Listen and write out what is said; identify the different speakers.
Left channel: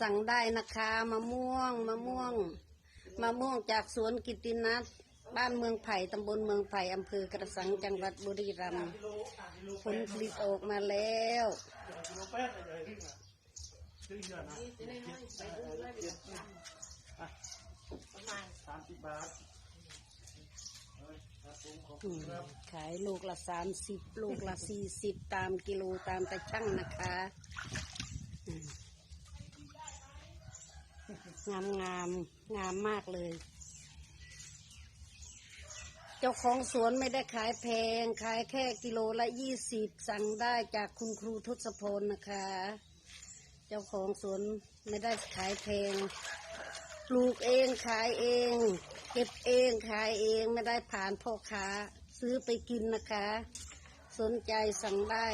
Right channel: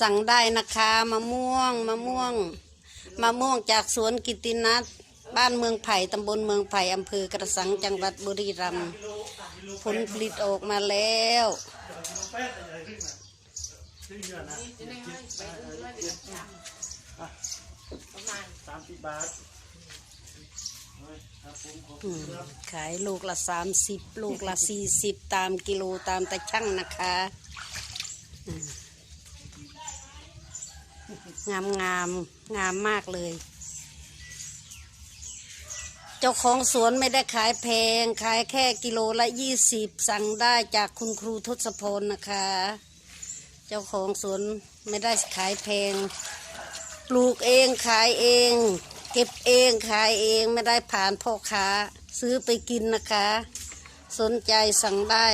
Speaker 1: สั่งได้นะคะมะม่วงมะม่วงมะม่วงจากสวนกิตตินัทบ้านเมืองไผ่ตำบลเมืองไผ่อำเภอกระสังจังหวัดบุรีรัมย์ผลผลิตออกมาแล้ว
Speaker 2: สามสิบบาท
Speaker 1: อืมขายลูกละสามสิบลูกละสี่สิบตามกิโลตามตะช่างนะคะอืม งามงามงามมากเลย เจ้าของสวนไม่ได้ขายแพง ขายแค่กิโลละยี่สิบสั่งได้จากคุณครูทศพลนะคะ เจ้าของสวนไม่ได้ขายแพง ปลูกเองขายเอง เก็บเองขายเองไม่ได้ผ่านพ่อค้า ซื้อไปกินนะคะ สนใจสั่งได้